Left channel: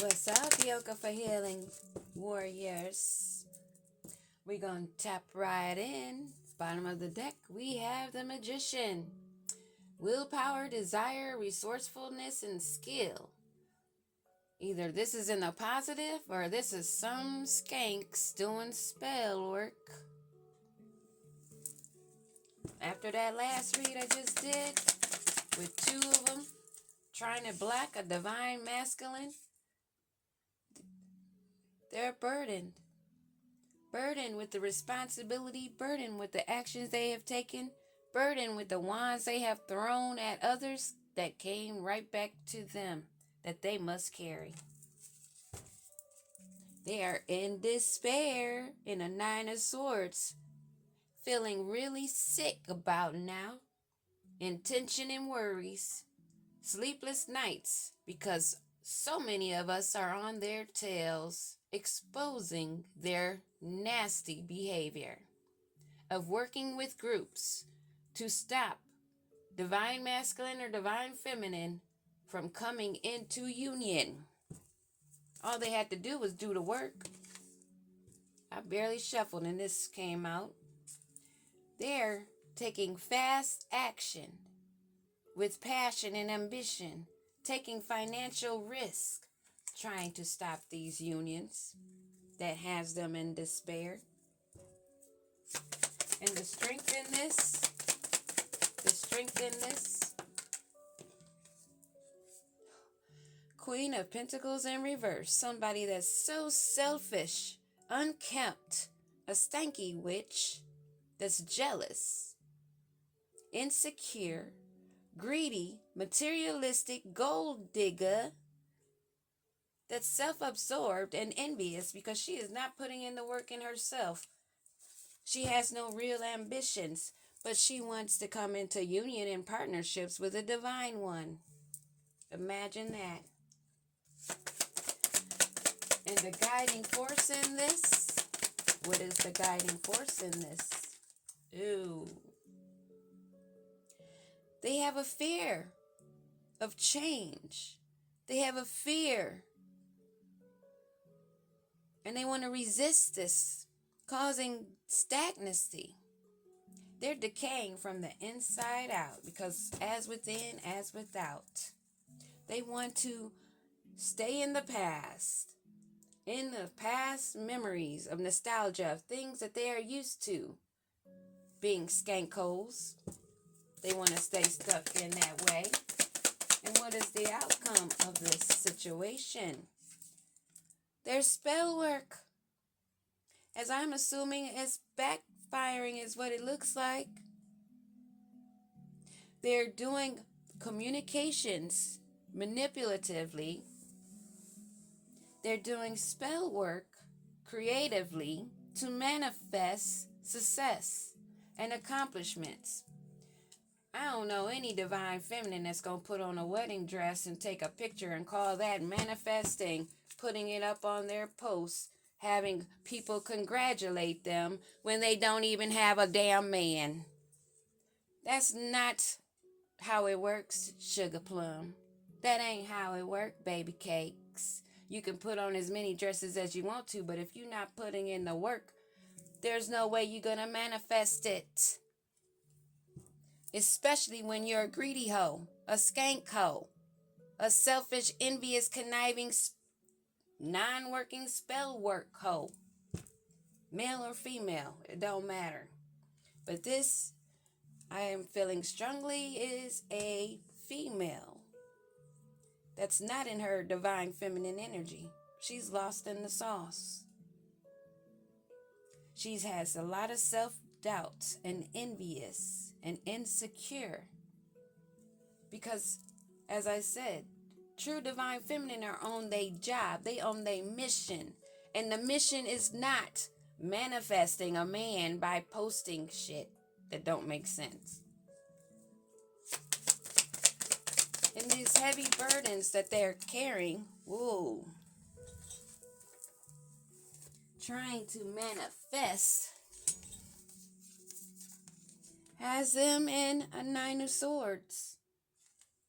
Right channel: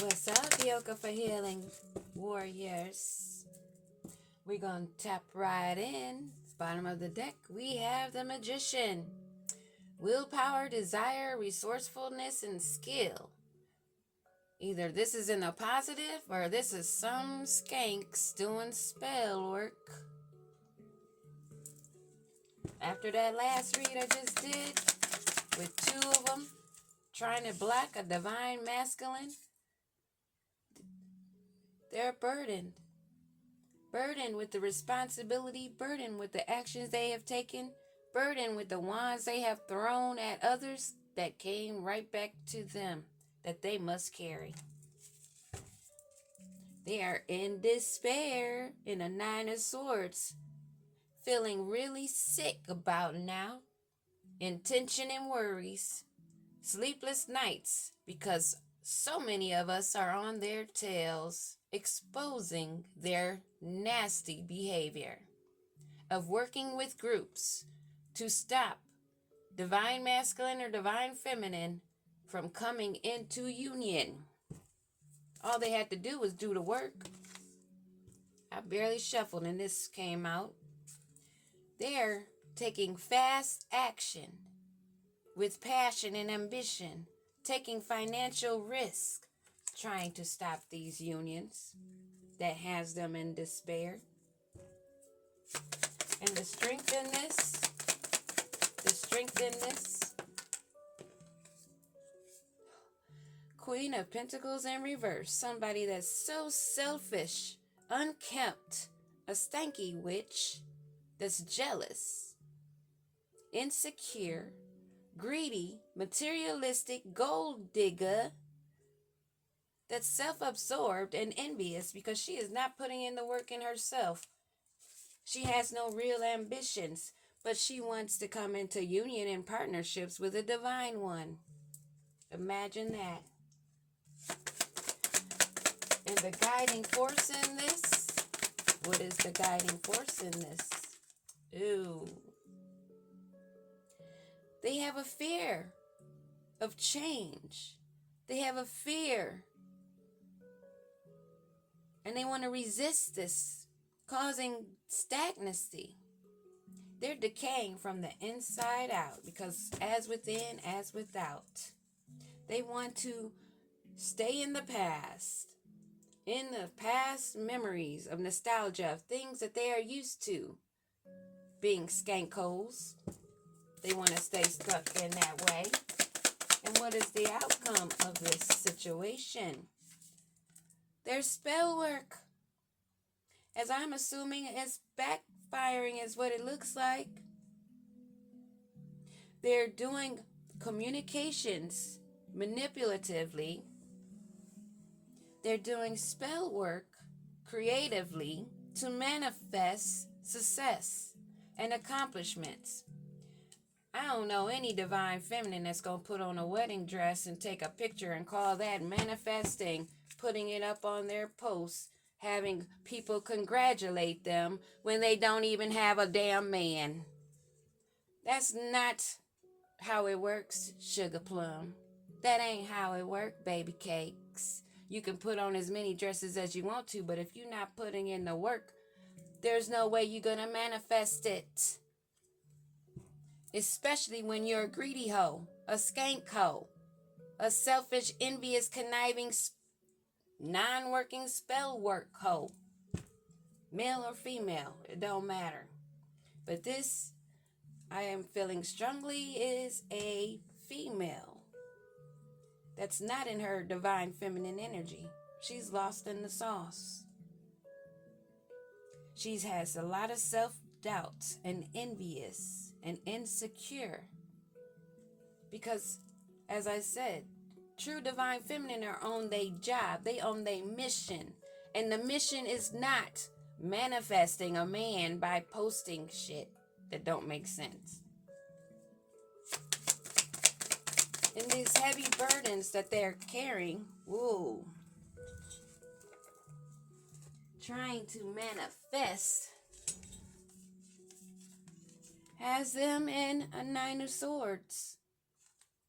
What's up, Yoga for Healing Warriors? We're going to tap right in. Bottom of the deck, we have the Magician. Willpower, desire, resourcefulness, and skill. Either this is in the positive or this is some skanks doing spell work. After that last read I just did, with two of them trying to block a divine masculine, they're burdened. Burdened with the responsibility, burdened with the actions they have taken, burdened with the wands they have thrown at others that came right back to them that they must carry. They are in despair in a Nine of Swords, feeling really sick about now, in tension and worries, sleepless nights because so many of us are on their tails, exposing their nasty behavior of working with groups to stop divine masculine or divine feminine from coming into union. All they had to do was do the work. I barely shuffled and this came out. They're taking fast action with passion and ambition, taking financial risk, trying to stop these unions that has them in despair. And the strength in this, Queen of Pentacles in reverse. Somebody that's so selfish, unkempt, a stanky witch that's jealous, insecure, greedy, materialistic, gold digger, that's self-absorbed and envious because she is not putting in the work in herself. She has no real ambitions, but she wants to come into union and partnerships with a divine one. Imagine that. And the guiding force in this? What is the guiding force in this? Ooh. They have a fear of change. They have a fear. And they want to resist this, causing stagnancy. They're decaying from the inside out because as within, as without. They want to stay in the past memories of nostalgia, of things that they are used to. Being skankholes, they want to stay stuck in that way. And what is the outcome of this situation? There's spell work. As I'm assuming it's backfiring is what it looks like. They're doing communications manipulatively. They're doing spell work creatively to manifest success and accomplishments. I don't know any divine feminine that's going to put on a wedding dress and take a picture and call that manifesting, putting it up on their posts, having people congratulate them when they don't even have a damn man. That's not how it works, sugar plum. That ain't how it works, baby cakes. You can put on as many dresses as you want to, but if you're not putting in the work, there's no way you're going to manifest it. Especially when you're a greedy hoe, a skank hoe, a selfish, envious, conniving, non-working spell work hoe. Male or female, it don't matter. But this, I am feeling strongly, is a female that's not in her divine feminine energy. She's lost in the sauce. She has a lot of self-doubt and envious and insecure. Because, as I said, true divine feminine are on their job. They on their mission. And the mission is not manifesting a man by posting shit that don't make sense. And these heavy burdens that they're carrying, whoa, trying to manifest, has them in a Nine of Swords.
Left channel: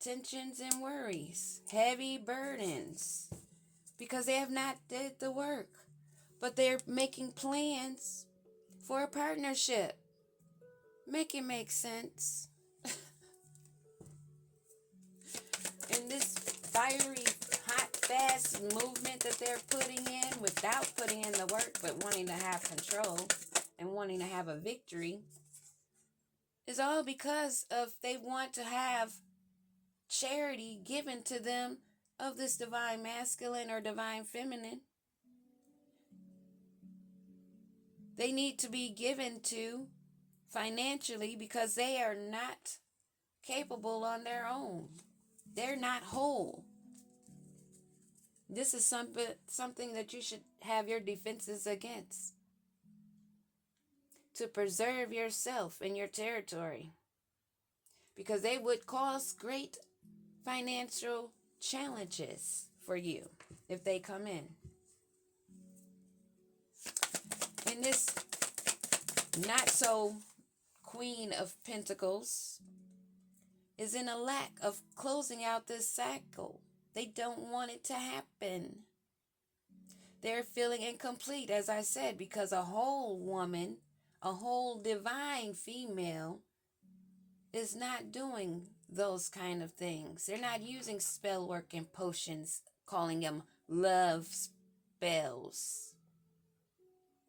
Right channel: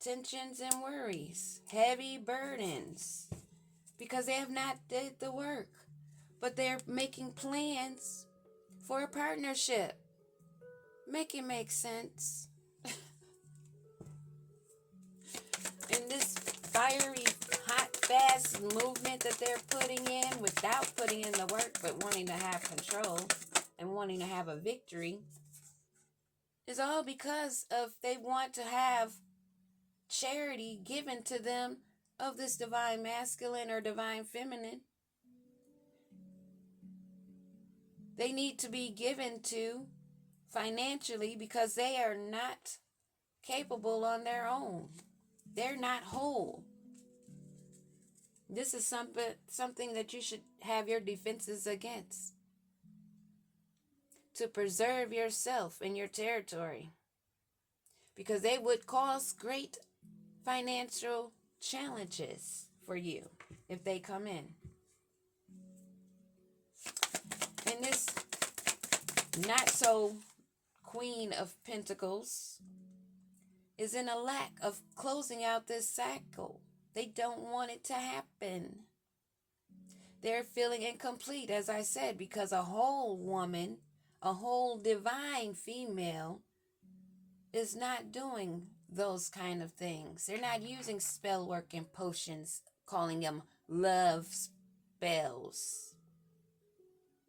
Tensions and worries, heavy burdens. because they have not did the work. But they're making plans for a partnership. Make it make sense. In this fiery, hot, fast movement that they're putting in without putting in the work, but wanting to have control and wanting to have a victory, is all because of they want to have charity given to them of this divine masculine or divine feminine. They need to be given to financially because they are not capable on their own. They're not whole. This is something that you should have your defenses against, to preserve yourself and your territory, because they would cause great financial challenges for you if they come in. And this not so Queen of Pentacles is in a lack of closing out this cycle. They don't want it to happen. They're feeling incomplete, as I said, because a whole woman, a whole divine female, is not doing those kind of things. They're not using spell work and potions, calling them love spells.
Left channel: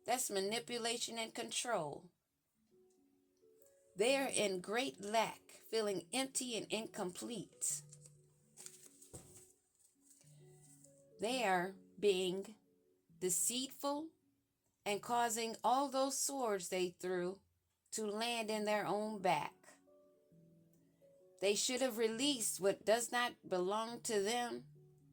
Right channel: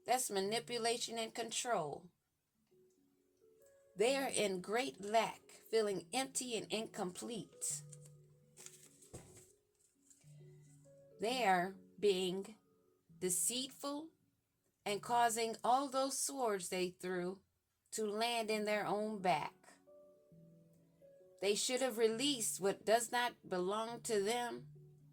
That's manipulation and control. They are in great lack, feeling empty and incomplete. They are being deceitful and causing all those swords they threw to land in their own back. They should have released what does not belong to them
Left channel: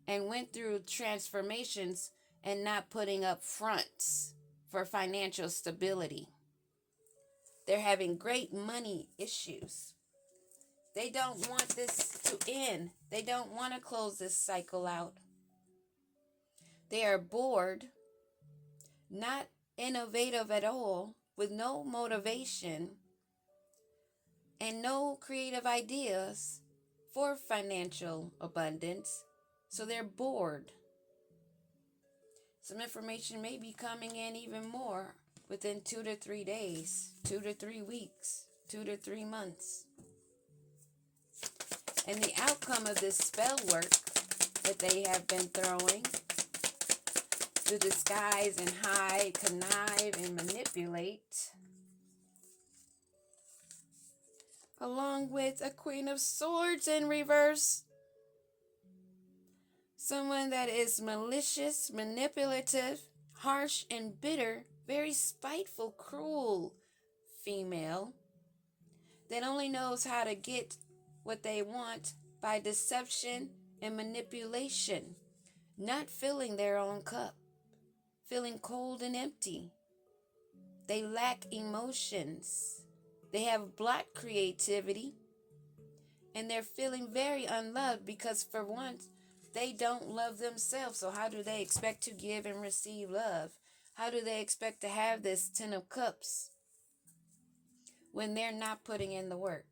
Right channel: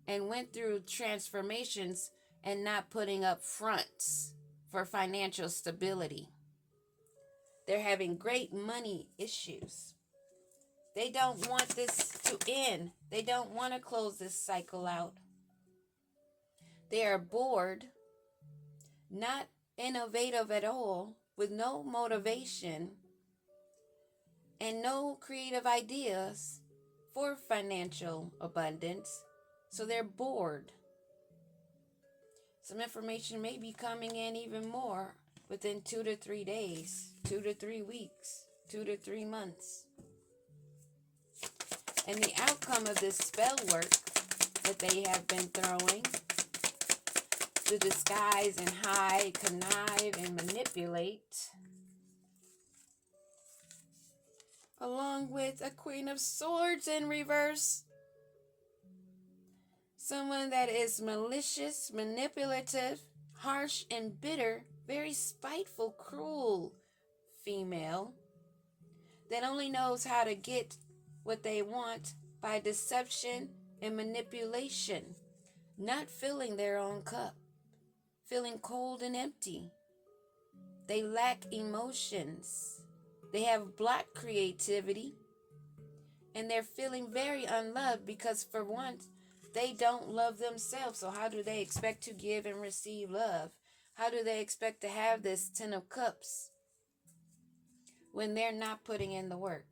and went through transformations and not putting up fronts for financial stability. They're having great money issues. They don't want this to end. They don't want to close this cycle out. They are bored, not innovative at all, with no motivation and no creative ideas for financial abundance. So they're bored. Some information may be coming in even more within 2 to 3 days, 2 to 3 weeks, 2 to 3 months. And the outcome of this spell work that they have been throwing to disguise and hide, connive, and manipulate, along with a Queen of Swords in reverse, someone that is malicious, manipulative, harsh, and bitter, very spiteful, cruel female that only knows how to get what they want by deception and manipulation, not filling their own cup, feeling cold and empty. They lack emotions. They have blocked creativity, and they're feeling very unloved because, for once, they don't love themselves. So how do they expect to give and receive love? How do they expect to have this 10 of Cups when they're not putting in the work?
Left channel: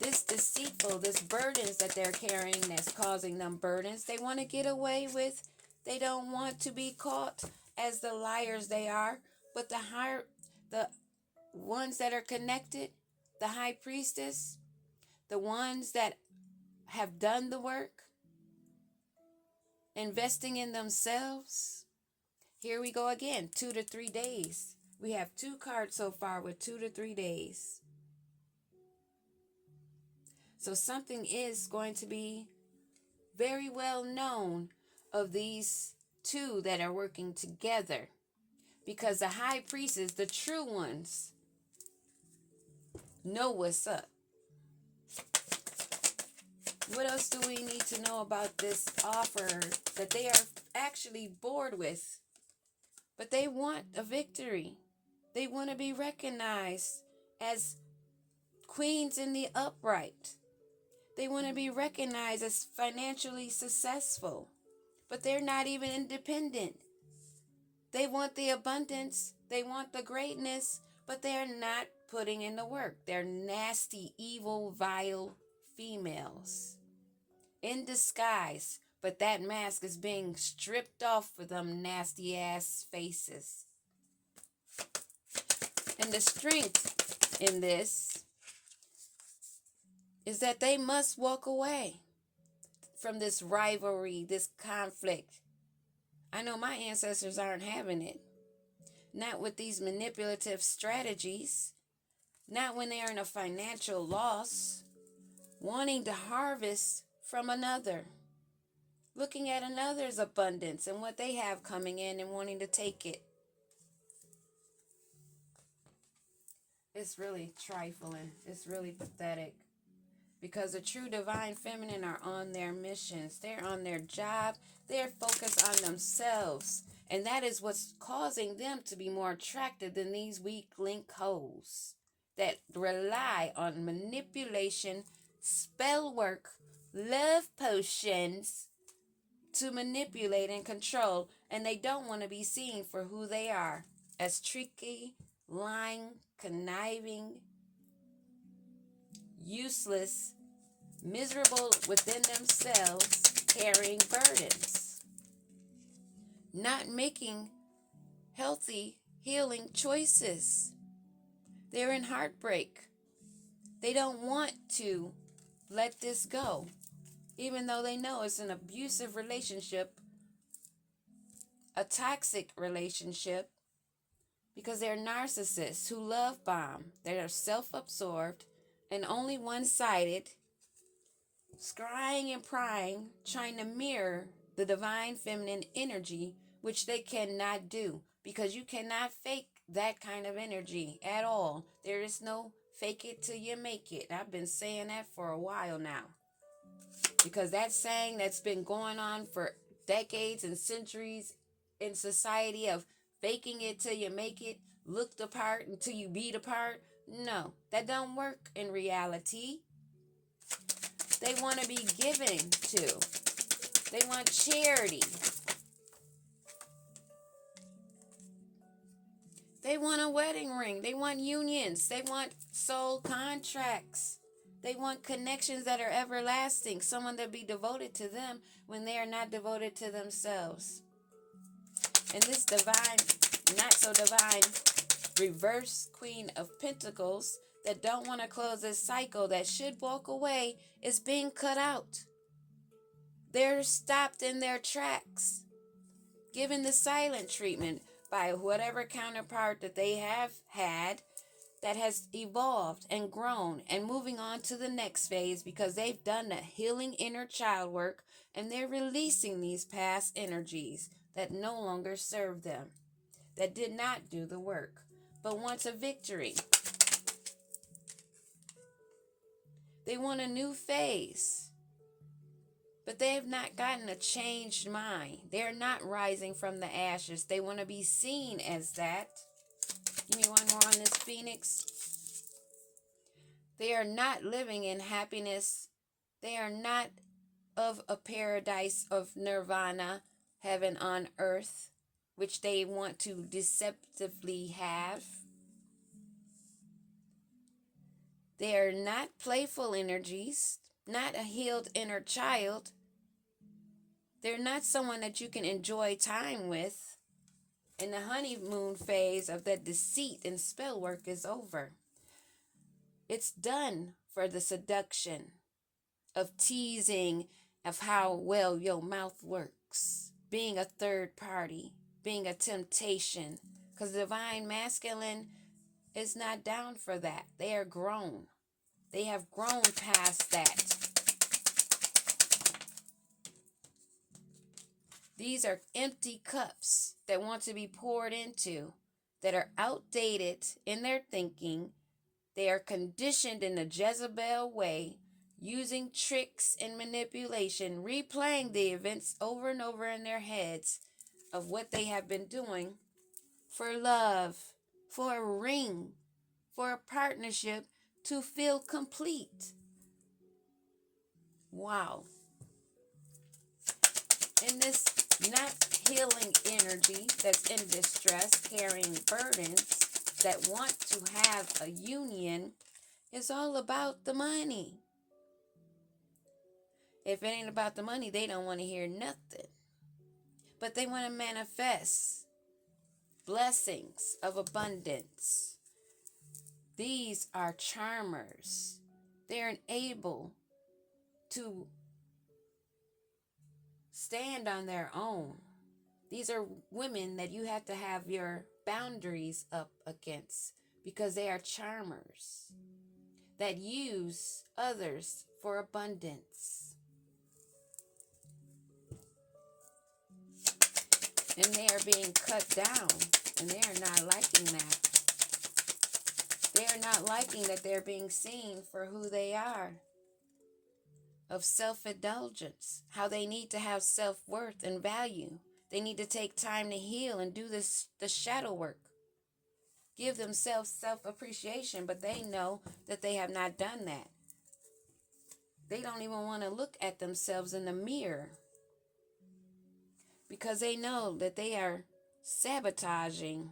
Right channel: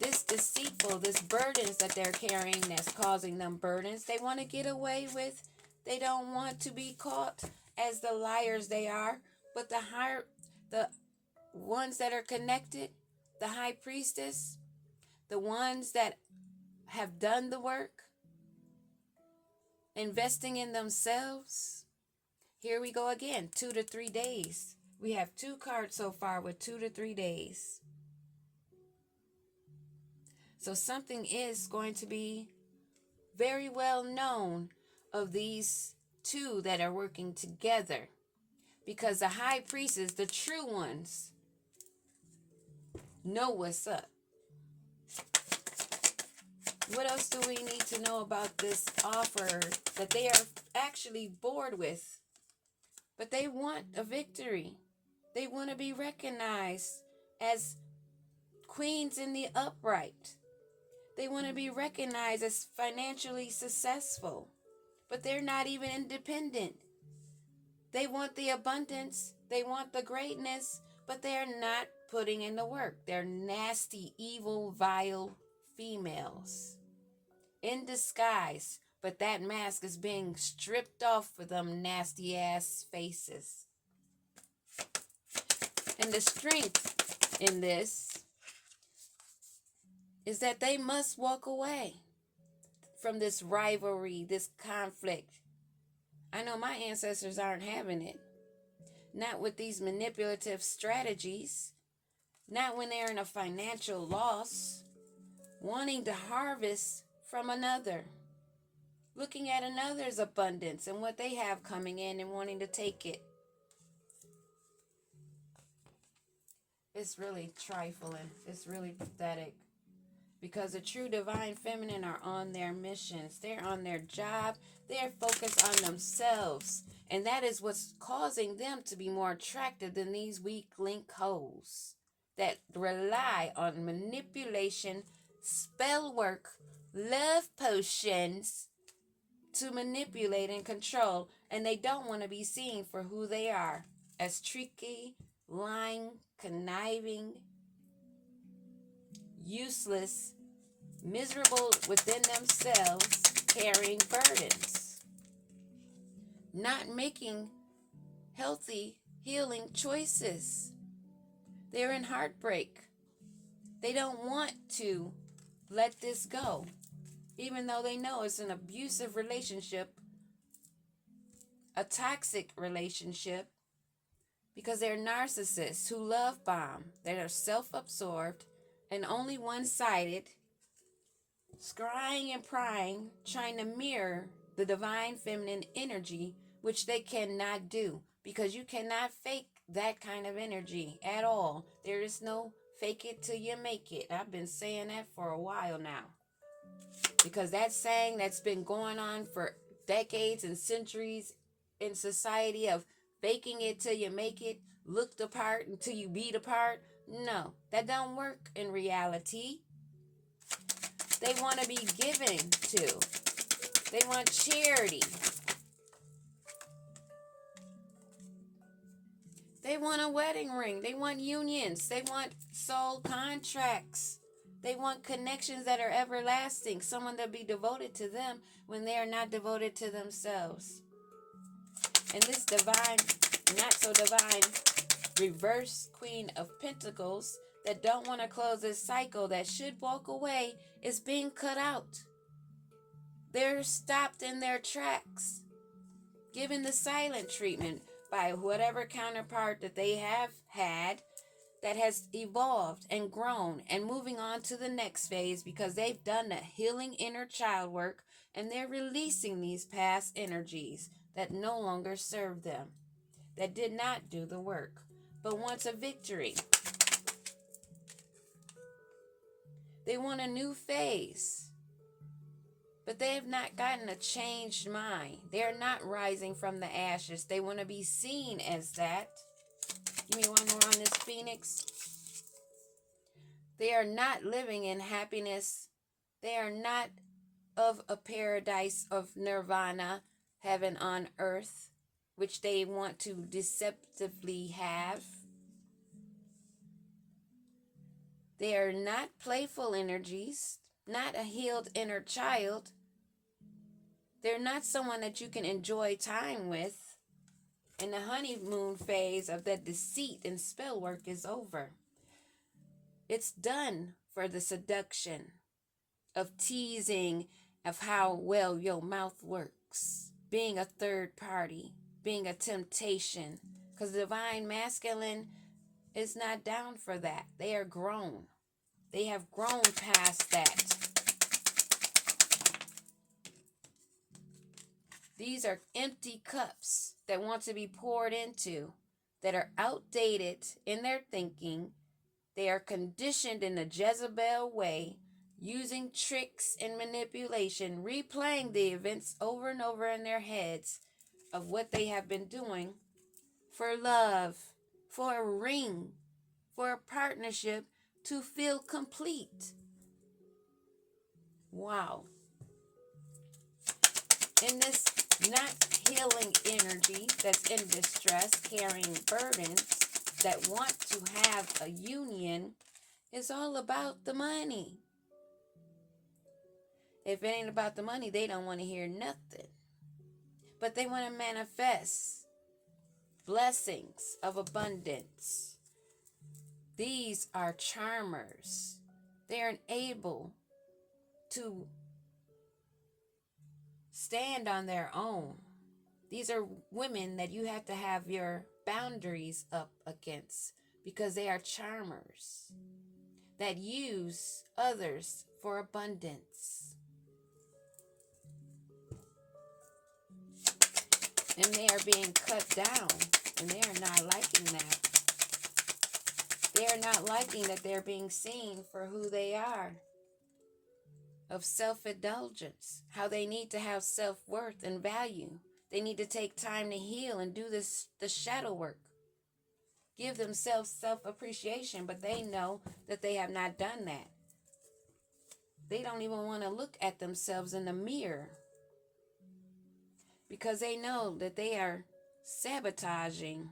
This deceitful, this burdens that they're carrying that's causing them burdens, they want to get away with. They don't want to be caught as the liars they are. But the ones that are connected, the high priestess, the ones that have done the work, investing in themselves. Here we go again, 2 to 3 days. We have 2 cards so far with 2 to 3 days. So something is going to be very well known of these 2 that are working together, because the high priestess, the true ones, know what's up. What else do we need to know about this offer that they are actually bored with? But they want a victory. They want to be recognized as queens in the upright. They want to be recognized as financially successful. But they're not even independent. They want the abundance. They want the greatness. But they're not putting in the work. They're nasty, evil, vile females in disguise, But that mask is being stripped off for them nasty ass faces. And the strength in this is that they must walk away from this rivalry, this conflict. I know my ancestors aren't having it. Not with these manipulative strategies. Not when they're in a financial loss. Wanting to harvest from another. Looking at another's abundance and what they have coming in and wanting to take it. It's really trifling. It's really pathetic. Because the true divine feminine are on their missions. They're on their job. They're focused on themselves. And that is what's causing them to be more attractive than these weak link hoes that rely on manipulation, spell work, love potions to manipulate and control. And they don't want to be seen for who they are, as tricky, lying, conniving, useless, miserable within themselves, carrying burdens, not making healthy, healing choices. They're in heartbreak. They don't want to let this go, even though they know it's an abusive relationship, a toxic relationship, because they're narcissists who love bomb. They are self-absorbed and only one-sided, scrying and prying, trying to mirror the divine feminine energy, which they cannot do, because you cannot fake that kind of energy at all. There is no fake it till you make it. I've been saying that for a while now, because that saying that's been going on for decades and centuries in society of faking it till you make it, look the part until you be the part. No, that don't work in reality. They want to be given to. They want charity. They want a wedding ring. They want unions. They want soul contracts. They want connections that are everlasting. Someone that be devoted to them when they are not devoted to themselves. And this divine, not so divine, reverse Queen of Pentacles that don't want to close this cycle, that should walk away, is being cut out. They're stopped in their tracks, given the silent treatment by whatever counterpart that they have had that has evolved and grown and moving on to the next phase, because they've done the healing inner child work and they're releasing these past energies that no longer serve them, that did not do the work, but wants a victory. They want a new phase, but they have not gotten a changed mind. They are not rising from the ashes. They want to be seen as that. Give me one more on this Phoenix. They are not living in happiness. They are not of a paradise of nirvana, heaven on earth, which they want to deceptively have. They are not playful energies, not a healed inner child. They're not someone that you can enjoy time with. And the honeymoon phase of that deceit and spell work is over. It's done for the seduction of teasing of how well your mouth works, being a third party, being a temptation, because the divine masculine is not down for that. They are grown. They have grown past that. These are empty cups that want to be poured into, that are outdated in their thinking. They are conditioned in the Jezebel way, using tricks and manipulation, replaying the events over and over in their heads of what they have been doing for love, for a ring, for a partnership, to feel complete. Wow. In this not healing energy that's in distress, carrying burdens, that want to have a union, is all about the money. If it ain't about the money, they don't want to hear nothing. But they want to manifest blessings of abundance. These are charmers. They're able to stand on their own. These are women that you have to have your boundaries up against because they are charmers that use others for abundance. And they are being cut down, and they are not liking that. They are not liking that they're being seen for who they are, of self-indulgence, how they need to have self-worth and value. They need to take time to heal and do the shadow work. Give themselves self-appreciation, but they know that they have not done that. They don't even want to look at themselves in the mirror because they know that they are sabotaging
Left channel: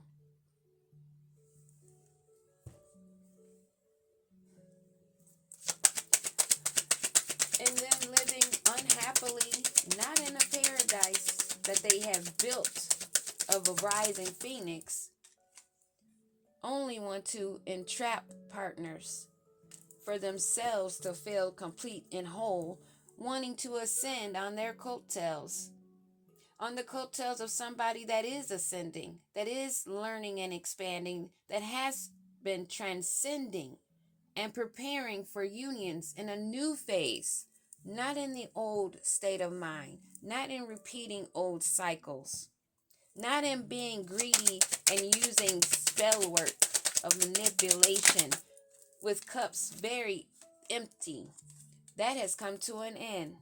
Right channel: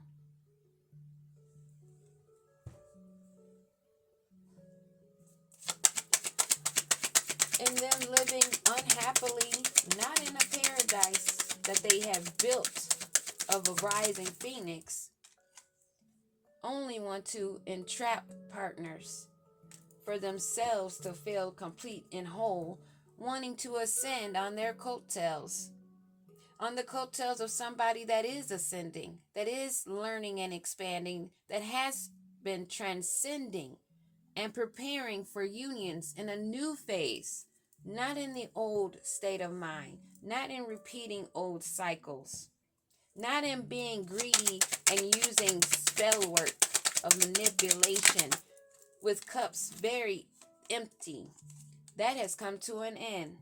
and then living unhappily, not in a paradise that they have built of a rising phoenix, only want to entrap partners for themselves to feel complete and whole, wanting to ascend on their coattails, on the coattails of somebody that is ascending, that is learning and expanding, that has been transcending and preparing for unions in a new phase, not in the old state of mind, not in repeating old cycles, not in being greedy and using spell work of manipulation with cups very empty. That has come to an end.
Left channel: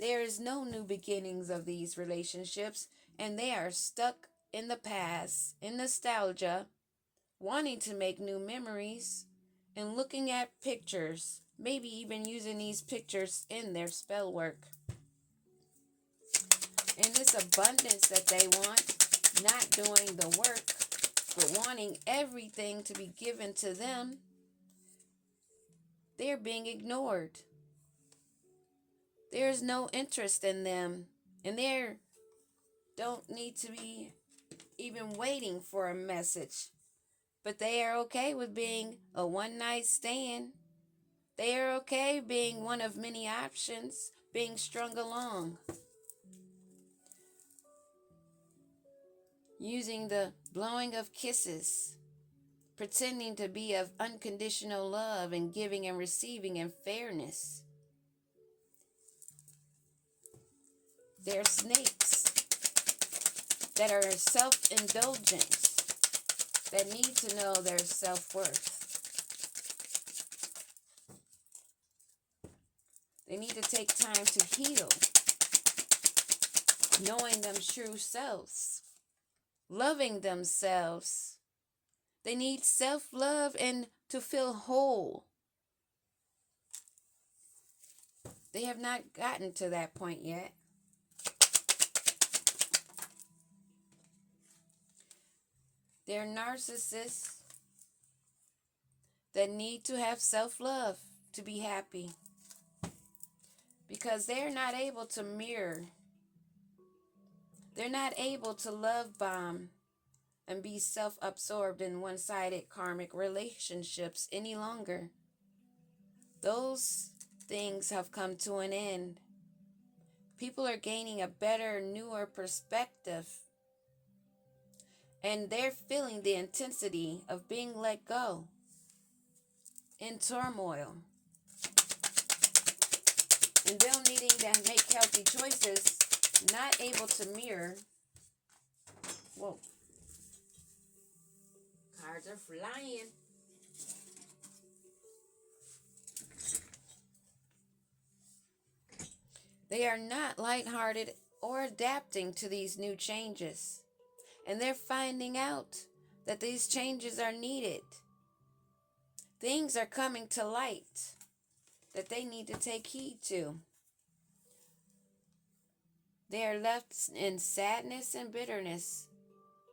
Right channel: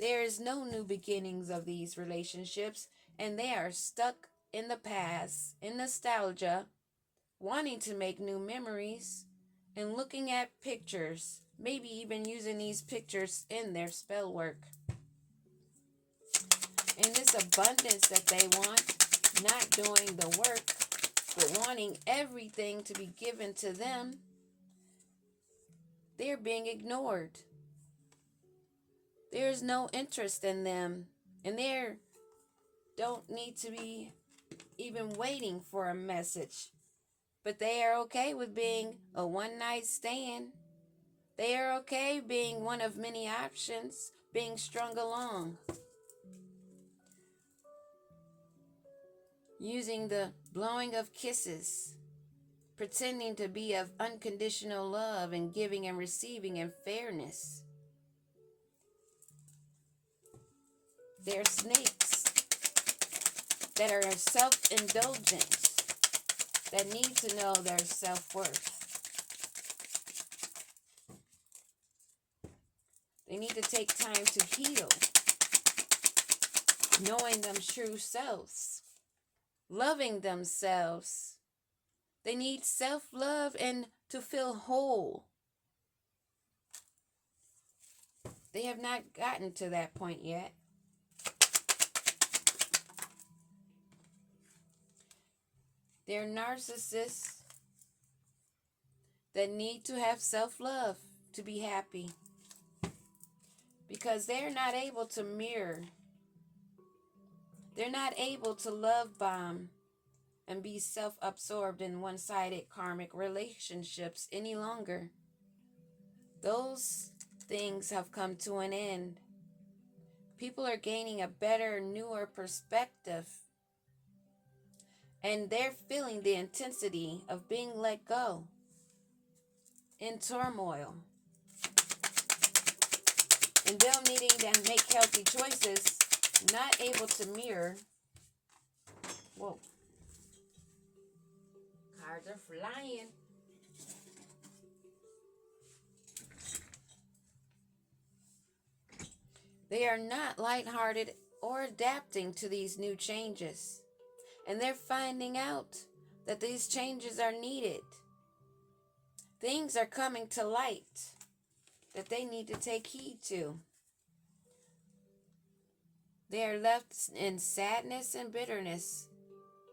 There is no new beginnings of these relationships, and they are stuck in the past, in nostalgia, wanting to make new memories, and looking at pictures, maybe even using these pictures in their spell work. And this abundance that they want, not doing the work, but wanting everything to be given to them, they're being ignored. There's no interest in them, and they don't need to be even waiting for a message. But they are okay with being a one-night stand. They are okay being one of many options, being strung along, using the blowing of kisses, pretending to be of unconditional love and giving and receiving and fairness. They're snakes that are self-indulgent, that need to know their self-worth. They need to take time to heal, knowing them true selves, loving themselves. They need self-love and to feel whole. They have not gotten to that point yet. They're narcissists that need to have self-love to be happy, because they're not able to mirror. They're not able to love bomb and be self-absorbed in one-sided karmic relationships any longer. Those things have come to an end. People are gaining a better, newer perspective, and they're feeling the intensity of being let go in turmoil. And them needing to make healthy choices, not able to mirror. Whoa. Cards are flying. They are not lighthearted or adapting to these new changes. And they're finding out that these changes are needed. Things are coming to light that they need to take heed to. They are left in sadness and bitterness,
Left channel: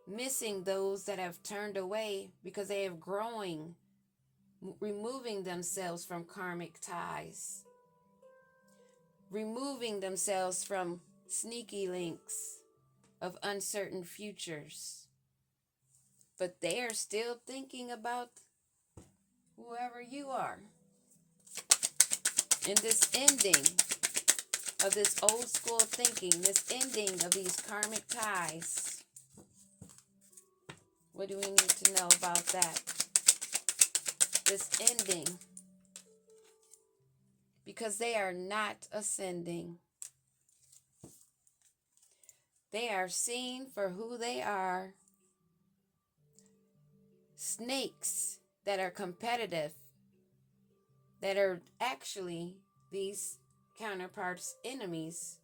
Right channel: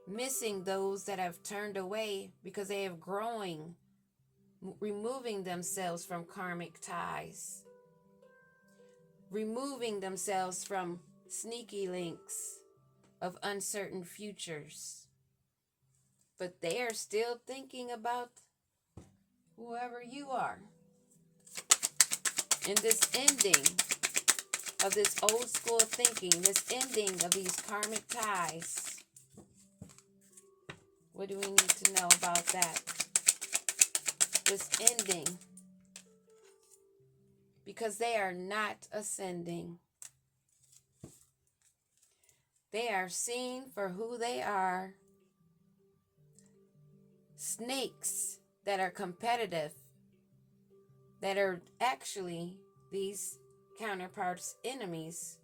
missing those that have turned away because they have growing, removing themselves from karmic ties. removing themselves from sneaky links of uncertain futures. But they are still thinking about whoever you are. And this ending of this old school thinking, this ending of these karmic ties, what do we need to know about that? This ending, because they are not ascending. They are seen for who they are. Snakes that are competitive, that are actually these counterparts' enemies.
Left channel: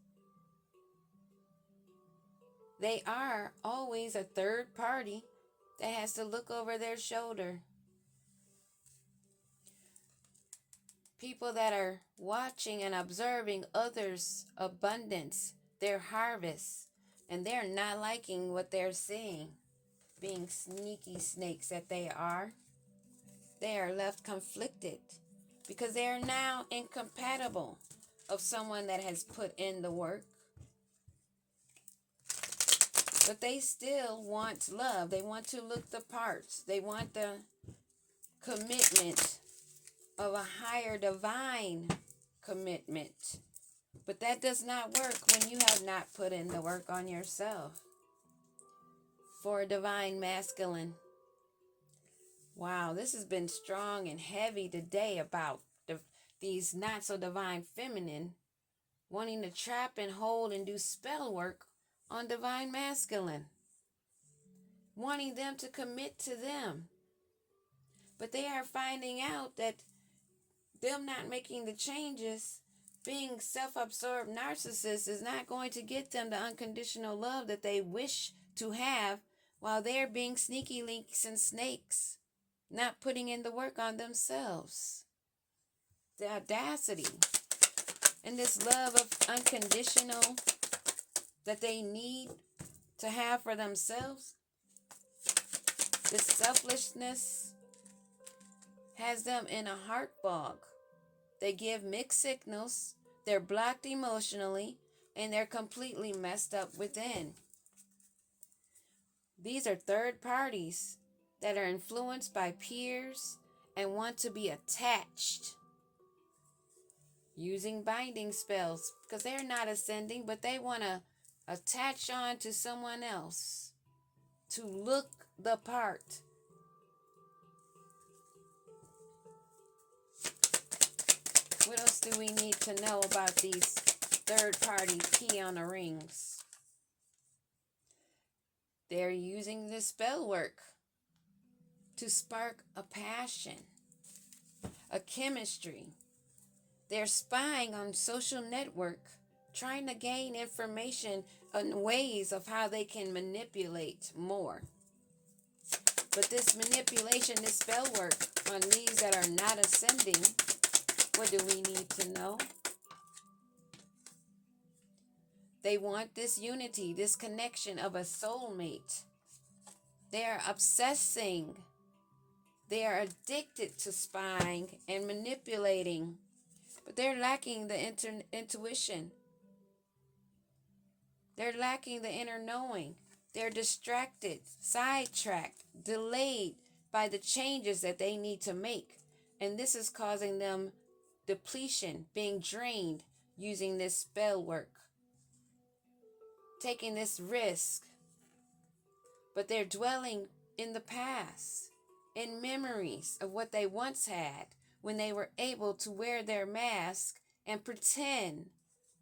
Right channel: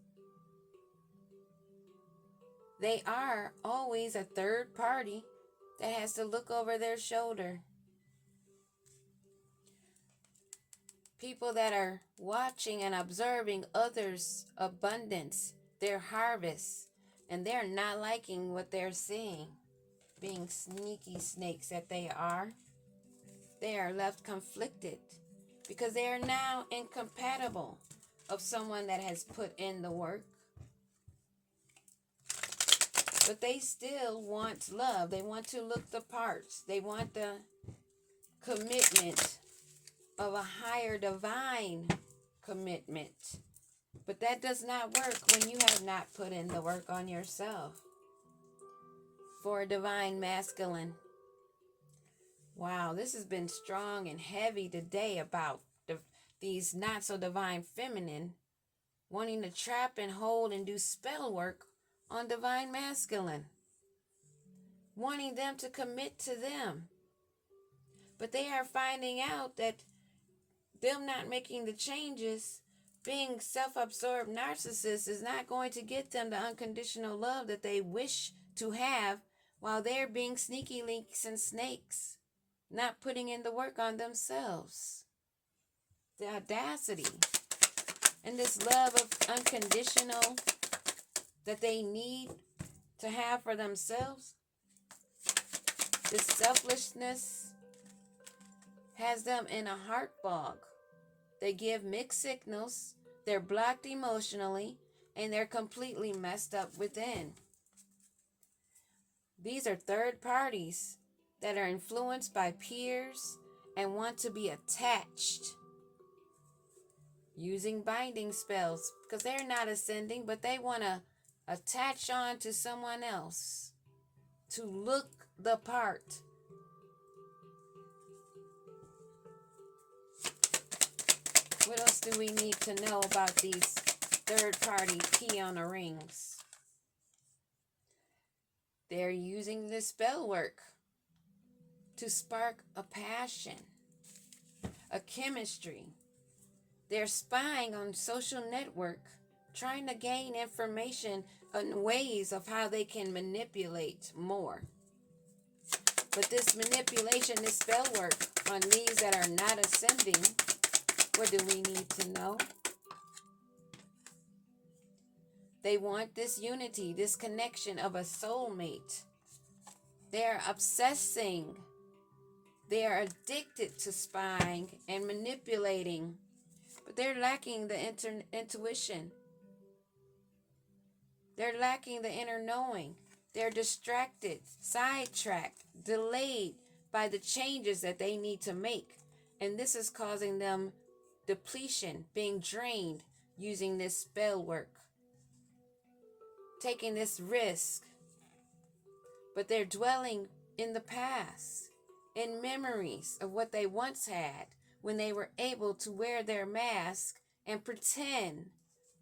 They are always a third party that has to look over their shoulder. People that are watching and observing others' abundance, their harvest, and they're not liking what they're seeing. Being sneaky snakes that they are left conflicted because they are now incompatible of someone that has put in the work. But they still want love. They want to look the parts. They want the commitment of a higher divine commitment. But that does not work when you have not put in the work on yourself. For a divine masculine. Wow, this has been strong and heavy today about these not so divine feminine wanting to trap and hold and do spell work on divine masculine. Wanting them to commit to them. But they are finding out that them not making the changes, being self-absorbed narcissists, is not going to get them the unconditional love that they wish to have while they're being sneaky links and snakes, not putting in the work on themselves. The audacity and this love of unconditional that they need to have for themselves, this selflessness has them in a heart fog. They give mixed signals, they're blocked emotionally, and they're completely messed up within. These are third parties that are influenced by peers and want to be attached using binding spells because they're not ascending, but they want to attach on to someone else to look the part. What else do we need to know about these third-party peon rings? They're using this spell work to spark a passion, a chemistry. They're spying on social network, trying to gain information on ways of how they can manipulate more. But this manipulation, this spell work on these that are not ascending, what do we need to know? They want this unity, this connection of a soulmate. They are obsessing. They are addicted to spying and manipulating, but they're lacking the intuition. They're lacking the inner knowing. They're distracted, sidetracked, delayed by the changes that they need to make. And this is causing them depletion, being drained using this spell work, taking this risk. But they're dwelling in the past, in memories of what they once had when they were able to wear their mask and pretend,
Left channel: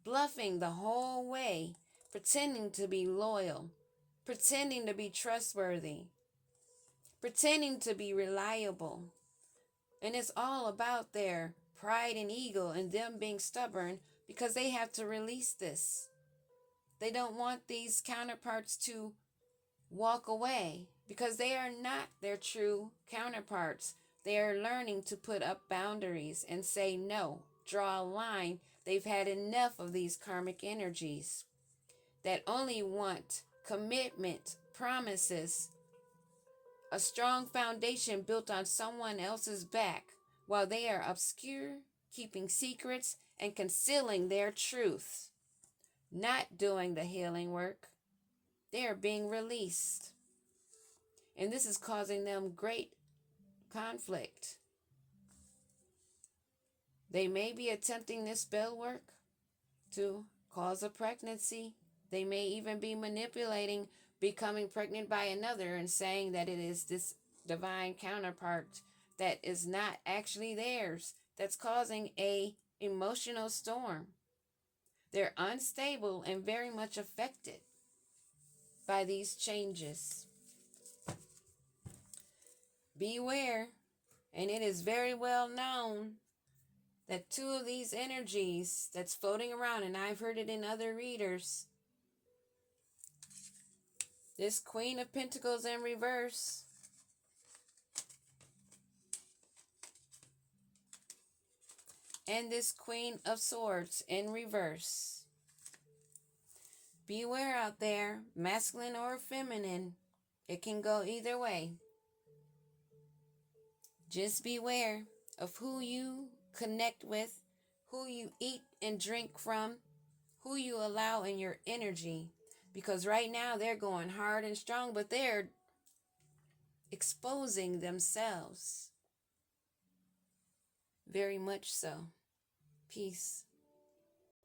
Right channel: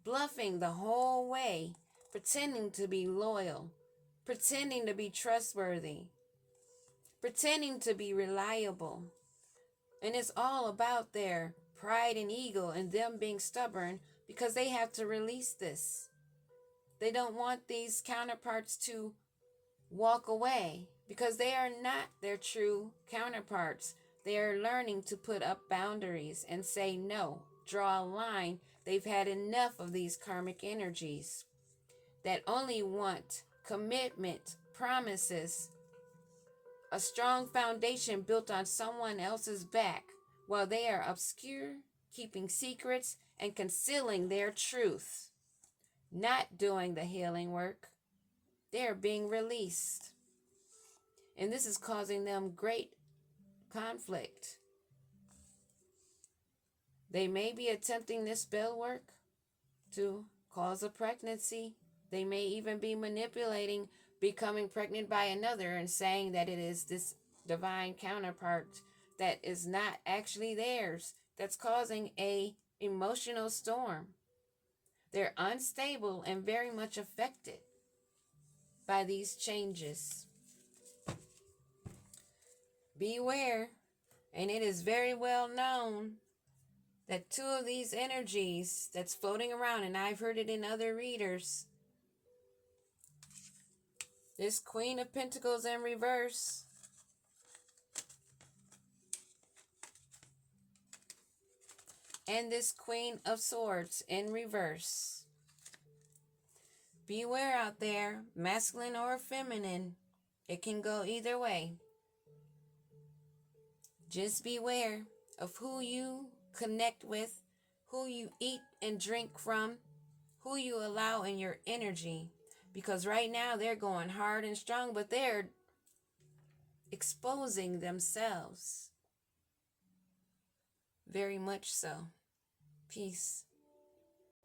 bluffing the whole way, pretending to be loyal, pretending to be trustworthy, pretending to be reliable. And it's all about their pride and ego and them being stubborn because they have to release this. They don't want these counterparts to walk away because they are not their true counterparts. They are learning to put up boundaries and say no, draw a line. They've had enough of these karmic energies that only want commitment, promises, a strong foundation built on someone else's back while they are obscure, keeping secrets, and concealing their truth, not doing the healing work. They are being released. And this is causing them great conflict. They may be attempting this spell work to cause a pregnancy. They may even be manipulating becoming pregnant by another and saying that it is this divine counterpart that is not actually theirs, that's causing a emotional storm. They're unstable and very much affected by these changes. Beware, and it is very well known that two of these energies that's floating around, and I've heard it in other readers, this Queen of Pentacles in reverse and this Queen of Swords in reverse. Beware out there, masculine or feminine. It can go either way. Just beware of who you connect with, who you eat and drink from, who you allow in your energy. Because right now they're going hard and strong, but they're exposing themselves. Very much so. Peace.